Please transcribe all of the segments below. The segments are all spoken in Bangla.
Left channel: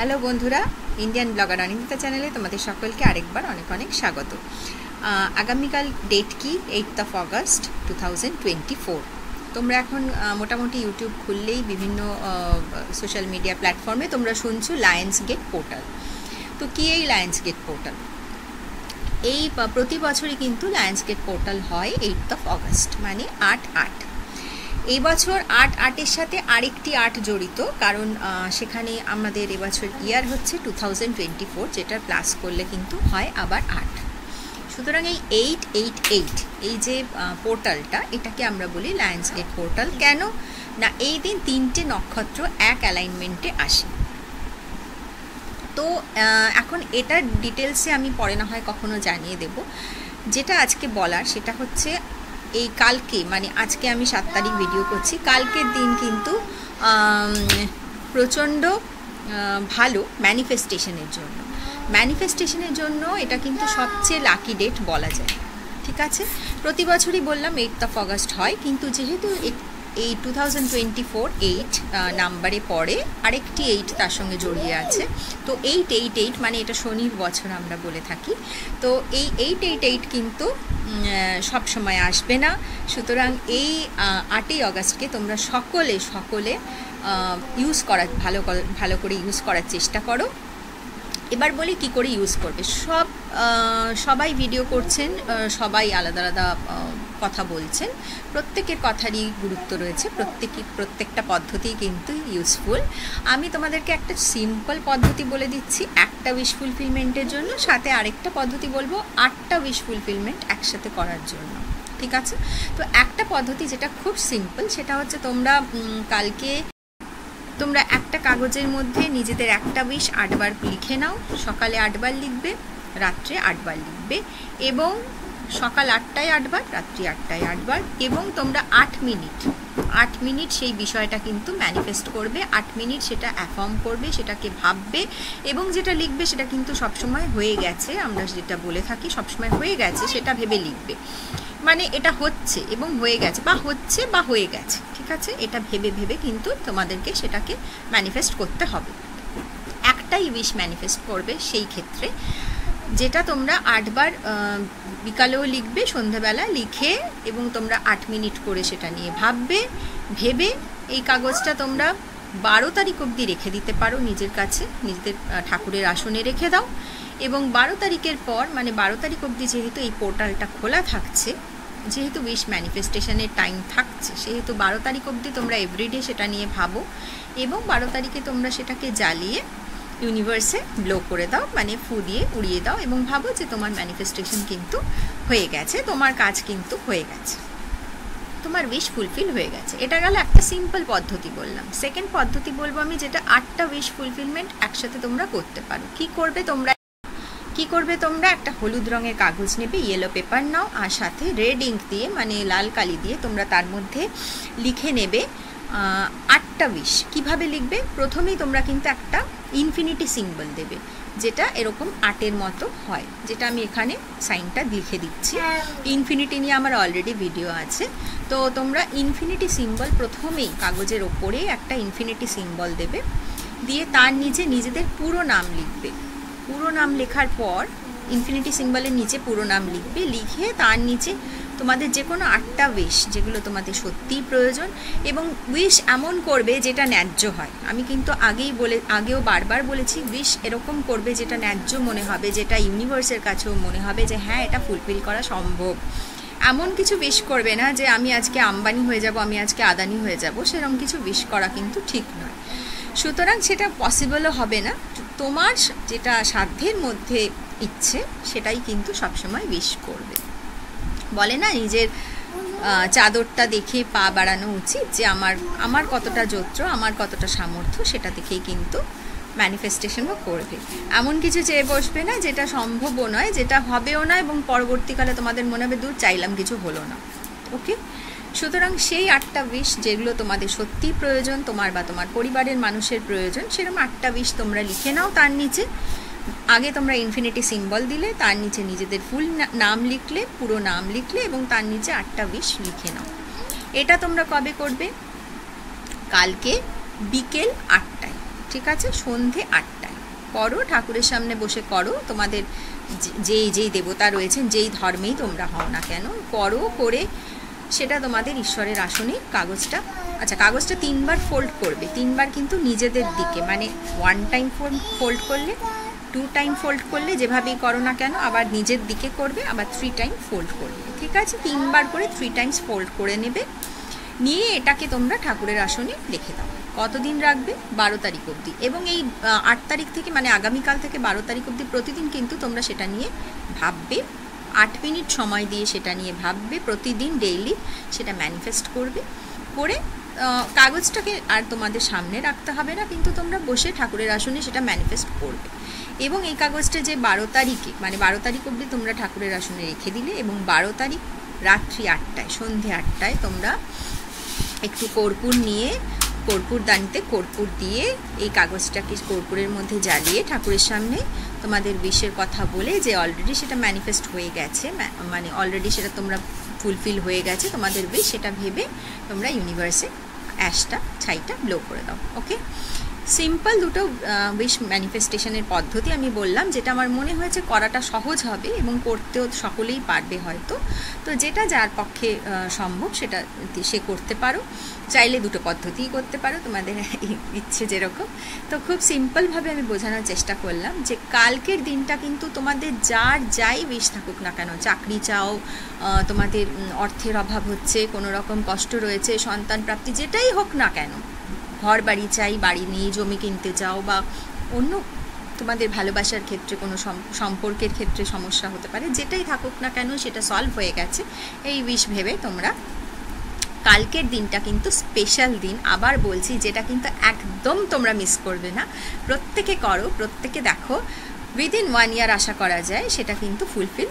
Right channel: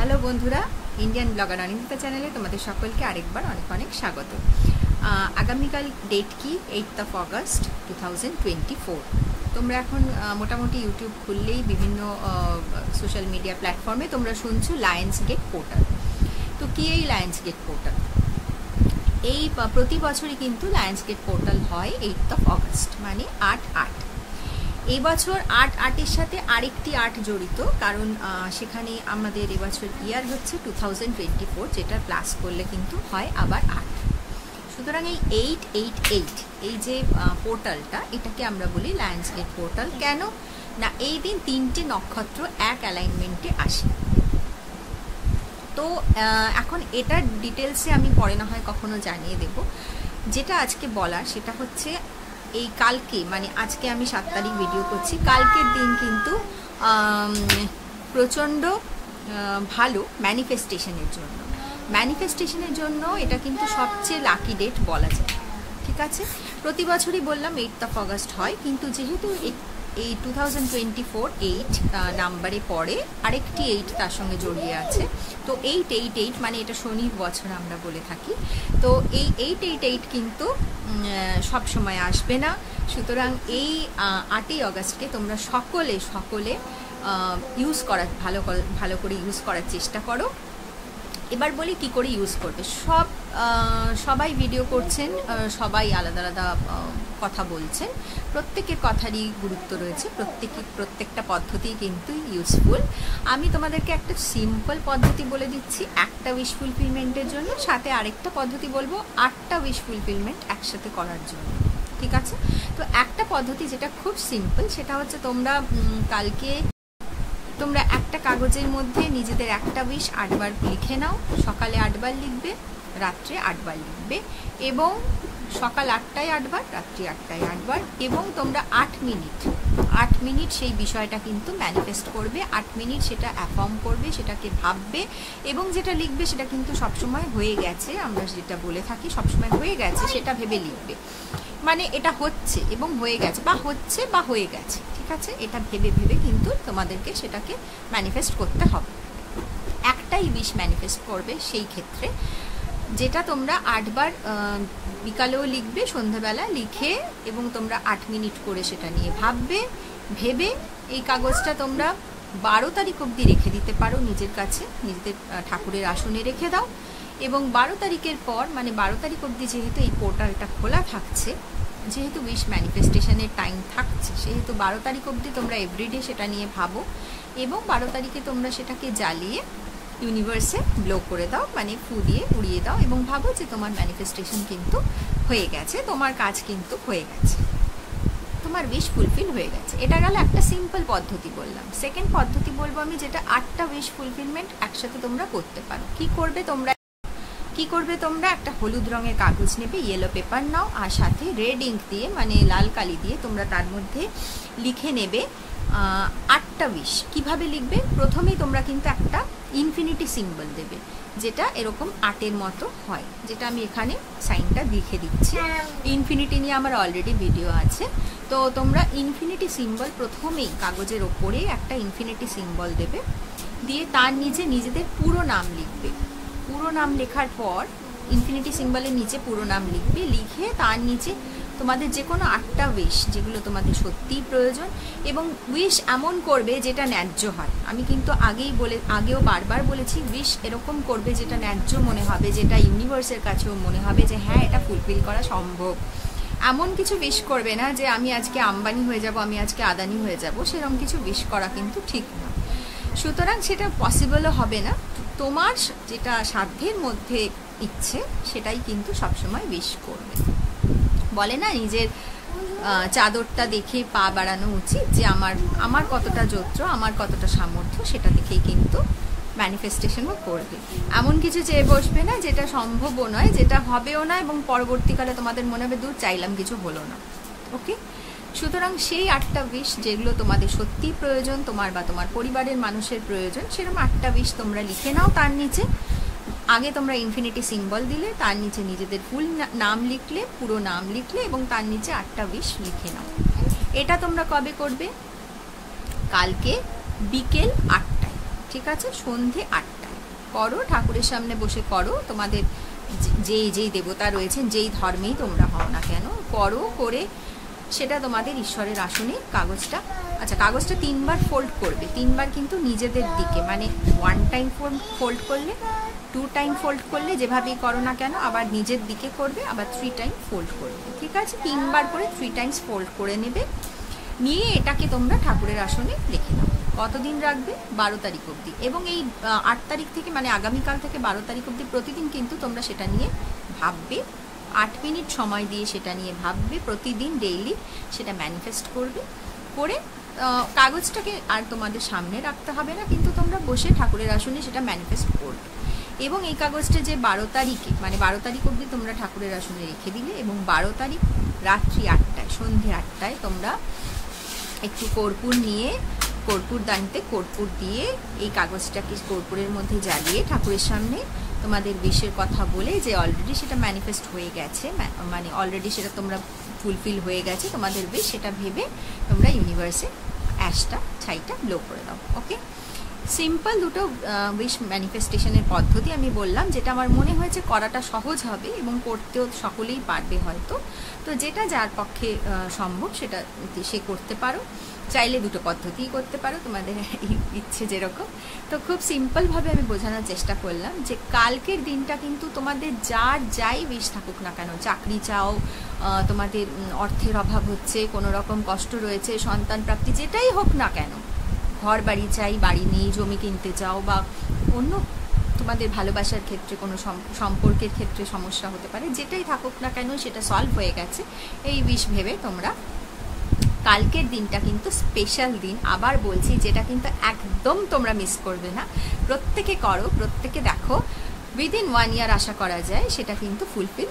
হ্যালো বন্ধুরা, ইন্ডিয়ান ব্লগার অনিন্দিতা চ্যানেলে তোমাদের সকলকে আরেকবার অনেক অনেক স্বাগত। আগামীকাল ডেট কি 8th of August 2024। তোমরা এখন মোটামুটি ইউটিউব খুললেই বিভিন্ন সোশ্যাল মিডিয়া প্ল্যাটফর্মে তোমরা শুনছো লায়ন্স গেট পোর্টাল। তো কি এই লায়ন্স গেট পোর্টাল? এই প্রতি বছরই কিন্তু লায়ন্স গেট পোর্টাল হয় 8th of August, মানে 8/8। এই বছর 8/8-এর সাথে আরেকটি 8 জড়িত, কারণ সেখানে আমাদের এবছর ইয়ার হচ্ছে 2024, যেটা প্লাস করলে কিন্তু হয় আবার 8। সুতরাং এই 888 এই যে পোর্টালটা, এটাকে আমরা বলি লায়ন্স গেট পোর্টাল। কেন না, এই দিন 3টে নক্ষত্র এক অ্যালাইনমেন্টে আসে। তো এখন এটার ডিটেলসে আমি পরে না হয় কখনো জানিয়ে দেব। যেটা আজকে বলার সেটা হচ্ছে এই কালকে, মানে আজকে আমি 7 তারিখ ভিডিও করছি, কালকের দিন কিন্তু প্রচণ্ড ভালো ম্যানিফেস্টেশনের জন্য এটা কিন্তু সবচেয়ে লাকি ডেট বলা যায়। ঠিক আছে, প্রতি বছরই বললাম 8th of August হয়, কিন্তু যেহেতু এই 2024 8 নাম্বারে পরে আরেকটি 8 তার সঙ্গে জড়িয়ে আছে, তো 888 মানে এটা শনির বছর আমরা বলে থাকি। তো এই 888 কিন্তু সব সময় আসবে না। সুতরাং এই 8ই অগস্টকে তোমরা সকলে ইউজ করার ভালো করে ইউজ করার চেষ্টা করো। এবার বলি কি করে ইউজ করবে। সবাই ভিডিও করছেন, সবাই আলাদা আলাদা কথা বলছেন, প্রত্যেকের কথারই গুরুত্ব রয়েছে, প্রত্যেকটা পদ্ধতি কিন্তু ইউজফুল। আমি তোমাদেরকে একটা সিম্পল পদ্ধতি বলে দিচ্ছি একটা উইশ ফুলফিলমেন্টের জন্য, সাথে আরেকটা পদ্ধতি বলবো 8টা উইশ ফুলফিলমেন্ট একসাথে করার জন্য। ঠিক আছে, তো একটা পদ্ধতি যেটা খুব সিম্পল, সেটা হচ্ছে কালকে তোমরা একটা কাগজের মধ্যে নিজেদের একটা উইশ 8 বার লিখে নাও। সকালে 8 বার লিখবে, রাত্রে 8 বার লিখবে, এবং সকাল 8টায় 8 বার, রাত্রি 8টায় 8 বার, এবং তোমরা 8 মিনিট সেই বিষয়টা কিন্তু ম্যানিফেস্ট করবে। 8 মিনিট সেটা অ্যাফার্ম করবে, সেটাকে ভাববে, এবং যেটা লিখবে সেটা কিন্তু সবসময় হয়ে গেছে, আমরা যেটা বলে থাকি সবসময় হয়ে গেছে সেটা ভেবে লিখবে। মানে এটা হচ্ছে এবং হয়ে গেছে, বা হচ্ছে বা হয়ে গেছে। ঠিক আছে, এটা ভেবে কিন্তু তোমাদেরকে সেটাকে ম্যানিফেস্ট করতে হবে। একটাই উইশ ম্যানিফেস্ট করবে সেই ক্ষেত্রে, যেটা তোমরা 8 বার বিকালেও লিখবে, সন্ধ্যাবেলা লিখে, এবং তোমরা 8 মিনিট করে সেটা নিয়ে ভাববে। ভেবে এই কাগজটা তোমরা 12 তারিখ অবধি রেখে দিতে পারো নিজের কাছে, নিজেদের ঠাকুরের আসনে রেখে দাও। এবং 12 তারিখের পর, মানে 12 তারিখ অবধি যেহেতু এই পোর্টালটা খোলা থাকছে, যেহেতু উইশ ম্যানিফেস্টেশনের টাইম থাকছে, সেহেতু 12 তারিখ অবধি তোমরা এভরিডে সেটা নিয়ে ভাবো, এবং 12 তারিখে তোমরা সেটাকে জ্বালিয়ে ইউনিভার্সে ব্লো করে দাও, মানে ফু দিয়ে উড়িয়ে দাও, এবং ভাবো যে তোমার ম্যানিফেস্টেশন কিন্তু হয়ে গেছে, তোমার কাজ কিন্তু হয়ে গেছে, তোমার উইশ ফুলফিল হয়ে গেছে। এটা গেল একটা সিম্পল পদ্ধতি বললাম। সেকেন্ড পদ্ধতি বলবো আমি, যেটা 8টা উইশ ফুলফিলমেন্ট একসাথে তোমরা করতে পারো। কি করবে তোমরা একটা হলুদ রঙের কাগজ নেবে, ইয়েলো পেপার নাও, আর সাথে রেড ইঙ্ক দিয়ে, মানে লাল কালি দিয়ে তোমরা তার মধ্যে লিখে নেবে 8টা উইশ। কিভাবে লিখবে? প্রথমেই তোমরা কিন্তু একটা ইনফিনিটি সিম্বল দেবে, যেটা এরকম 8-এর মতো হয়, যেটা আমি এখানে সাইনটা লিখে দিচ্ছি। ইনফিনিটি নিয়ে আমার অলরেডি ভিডিও আছে। তো তোমরা ইনফিনিটি সিম্বল প্রথমেই কাগজের ওপরে একটা ইনফিনিটি সিম্বল দেবে, দিয়ে তার নিচে নিজেদের পুরো নাম লিখবে। পুরো নাম লেখার পর ইনফিনিটি সিম্বলের নিচে পুরো নাম লিখবে, লিখে তার নিচে তোমাদের যে কোনো 8টা উইশ যেগুলো তোমাদের সত্যিই প্রয়োজন, এবং উইশ এমন করবে যেটা ন্যায্য হয়। আমি কিন্তু আগেও বারবার বলেছি, উইশ এরকম করবে যেটা ন্যায্য মনে হবে, যেটা ইউনিভার্সের কাছেও মনে হবে যে হ্যাঁ, এটা ফুলফিল করা সম্ভব। এমন কিছু উইশ করবে না যে আমি আজকে আম্বানি হয়ে যাব, আমি আজকে আদানি হয়ে যাব, সেরকম কিছু উইশ করা কিন্তু ঠিক নয়। সুতরাং সেটা পসিবলও হবে না। তোমার যেটা সাধ্যের মধ্যে ইচ্ছে, সেটাই কিন্তু সবসময় উইশ করবে। বলে না, নিজের চাদরটা দেখে পা বাড়ানো উচিত, যে আমার কতটা যত্র, আমার কতটা সামর্থ্য, সেটা দেখেই কিন্তু ম্যানিফেস্টেশনও করবে। এমন কিছু চেয়ে বসবে না যেটা সম্ভবও নয়, যেটা হবেও না, এবং পরবর্তীকালে তোমাদের মনে হবে দূর চাইলাম কিছু হলো না। ওকে, সুতরাং সেই 8টা উইশ যেগুলো তোমাদের সত্যিই প্রয়োজন, তোমার বা তোমার পরিবারের মানুষের প্রয়োজন, সেরকম 8টা উইশ তোমরা লিখে নাও। তার নিচে আগে তোমরা ইনফিনিটি সিম্বল দিলে, তার নিচে নিজেদের ফুল নাম লিখলে, পুরো নাম লিখলে, এবং তার নিচে 8টা উইশ লিখে নাও। এটা তোমরা কবে করবে? কালকে বিকেল 8টায়। ঠিক আছে, সন্ধে 8টায়। করো, ঠাকুরের সামনে বসে করো, তোমাদের যেই দেবতা রয়েছেন, যেই ধর্মেই তোমরা হও না কেন, করো, করে সেটা তোমাদের ঈশ্বরের আসনে কাগজটা, আচ্ছা কাগজটা 3 বার ফোল্ড করবে, 3 বার কিন্তু নিজেদের দিকে, মানে 1 টাইম ফোল্ড করলে, 2 টাইম ফোল্ড করলে, যেভাবেই করো না কেন, আবার নিজের দিকে করবে, আবার 3 টাইম ফোল্ড করবে, ঠিক আছে? 3 বার করে 3 টাইমস ফোল্ড করে নেবে, নিয়ে এটাকে তোমরা ঠাকুরের আসনে রেখে দাও। কতদিন রাখবে? 12 তারিখ অবধি। এবং এই 8 তারিখ থেকে, মানে আগামীকাল থেকে 12 তারিখ অবধি প্রতিদিন কিন্তু তোমরা সেটা নিয়ে ভাববে, 8 মিনিট সময় দিয়ে সেটা নিয়ে ভাববে, প্রতিদিন ডেইলি সেটা ম্যানিফেস্ট করবে, করে কাগজটাকে আর তোমাদের সামনে রাখতে হবে না, কিন্তু তোমরা বসে ঠাকুরের আসনে সেটা ম্যানিফেস্ট করবে। এবং এই কাগজটা যে 12 তারিখে, মানে 12 তারিখ অবধি তোমরা ঠাকুরের আসনে রেখে দিলে, এবং 12 তারিখ রাত্রি 8টায়, সন্ধে 8টায় তোমরা একটু কর্পূর নিয়ে, কর্পূরদানিতে কর্পূর দিয়ে এই কাগজটাকে কর্পূরের মধ্যে জ্বালিয়ে ঠাকুরের সামনে তোমাদের উইশের কথা বলে, যে অলরেডি সেটা ম্যানিফেস্ট হয়ে গেছে, মানে অলরেডি সেটা তোমরা ফুলফিল হয়ে গেছে তোমাদের উইশ, সেটা ভেবে তোমরা ইউনিভার্সে অ্যাশটা, ছাইটা ব্লো করে দাও। ওকে, সিম্পল দুটো উইশ ম্যানিফেস্টেশনের পদ্ধতি আমি বললাম, যেটা আমার মনে হয়েছে করাটা সহজ হবে এবং করতেও সকলেই পারবে হয়তো। তো যেটা যার পক্ষে সম্ভব সেটা সে করতে পারো, চাইলে দুটো পদ্ধতিই করতে পারো, তোমাদের ইচ্ছে যেরকম। তো খুব সিম্পলভাবে আমি বোঝানোর চেষ্টা করলাম যে কালকের দিনটা কিন্তু তোমাদের যাই উইশ থাকুক না কেন, চাকরি চাও, তোমাদের অর্থের অভাব হচ্ছে, কোনো রকম কষ্ট রয়েছে, সন্তান প্রাপ্তি, যেটাই হোক না কেন, ঘর বাড়ি চাই, বাড়ি নেই, জমি কিনতে চাও, বা অন্য তোমাদের ভালোবাসার ক্ষেত্রে কোনো সম্পর্কের ক্ষেত্রে সমস্যা হতে পারে, যেটাই থাকুক না কেন সেটা সলভ হয়ে গেছে, এই উইশ ভেবে তোমরা কালকের দিনটা কিন্তু স্পেশাল দিন, আবার বলছি, যেটা কিন্তু একদম তোমরা মিস করবে না, প্রত্যেকে করো, প্রত্যেকে দেখো, উইদিন 1 ইয়ার আশা করা যায় সেটা কিন্তু ফুলফিল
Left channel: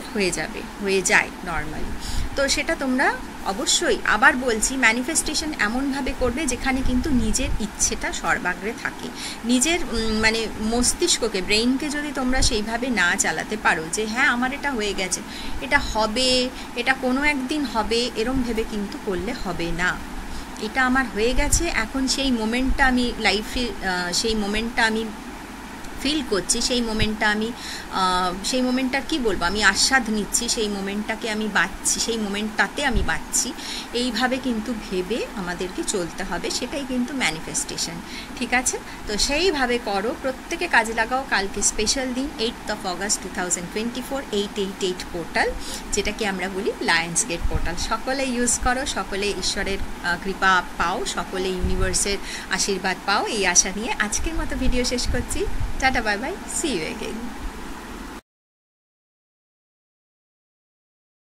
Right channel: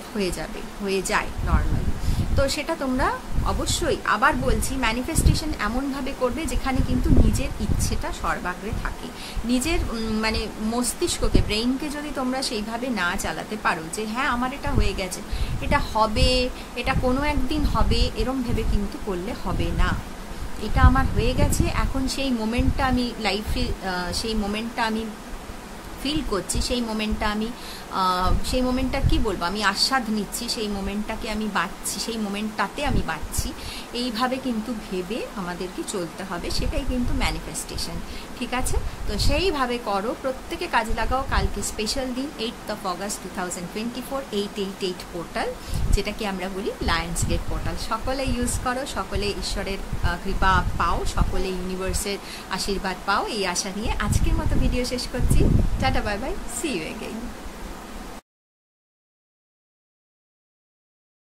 হয়ে যায় নর্মালি। তো সেটা তোমরা অবশ্যই, আবার বলছি, ম্যানিফেস্টেশন এমনভাবে করবে যেখানে কিন্তু নিজের ইচ্ছেটা সর্বাগ্রে থাকে, নিজের মানে মস্তিষ্ককে, ব্রেইনকে যদি তোমরা সেইভাবে না চালাতে পারো যে হ্যাঁ আমার এটা হয়ে গেছে, এটা হবে, এটা কোনো একদিন হবে, এরম ভেবে কিন্তু করলে হবে না। এটা আমার হয়ে গেছে, এখন সেই মোমেন্টটা আমি লাইফে, সেই মোমেন্টটা আমি ফিল করছি, সেই মোমেন্টটা কি বলবো, আমি আস্বাদ নিচ্ছি, সেই মোমেন্টটাকে আমি বাঁচছি, সেই মোমেন্টটাতে আমি বাঁচছি, এইভাবে কিন্তু ভেবে আমাদেরকে চলতে হবে, সেটাই কিন্তু ম্যানিফেস্টেশন, ঠিক আছে? তো সেইভাবে করো, প্রত্যেকে কাজে লাগাও। কালকে স্পেশাল দিন, 8 অগাস্ট 2024, 888 পোর্টাল, যেটাকে আমরা বলি লায়ন্স গেট পোর্টাল, সকলে ইউজ করো, সকলে ঈশ্বরের কৃপা পাও, সকলে ইউনিভার্সের আশীর্বাদ পাও, এই আশা নিয়ে আজকের মতো ভিডিও শেষ করছি। Tata, bye bye, see you again.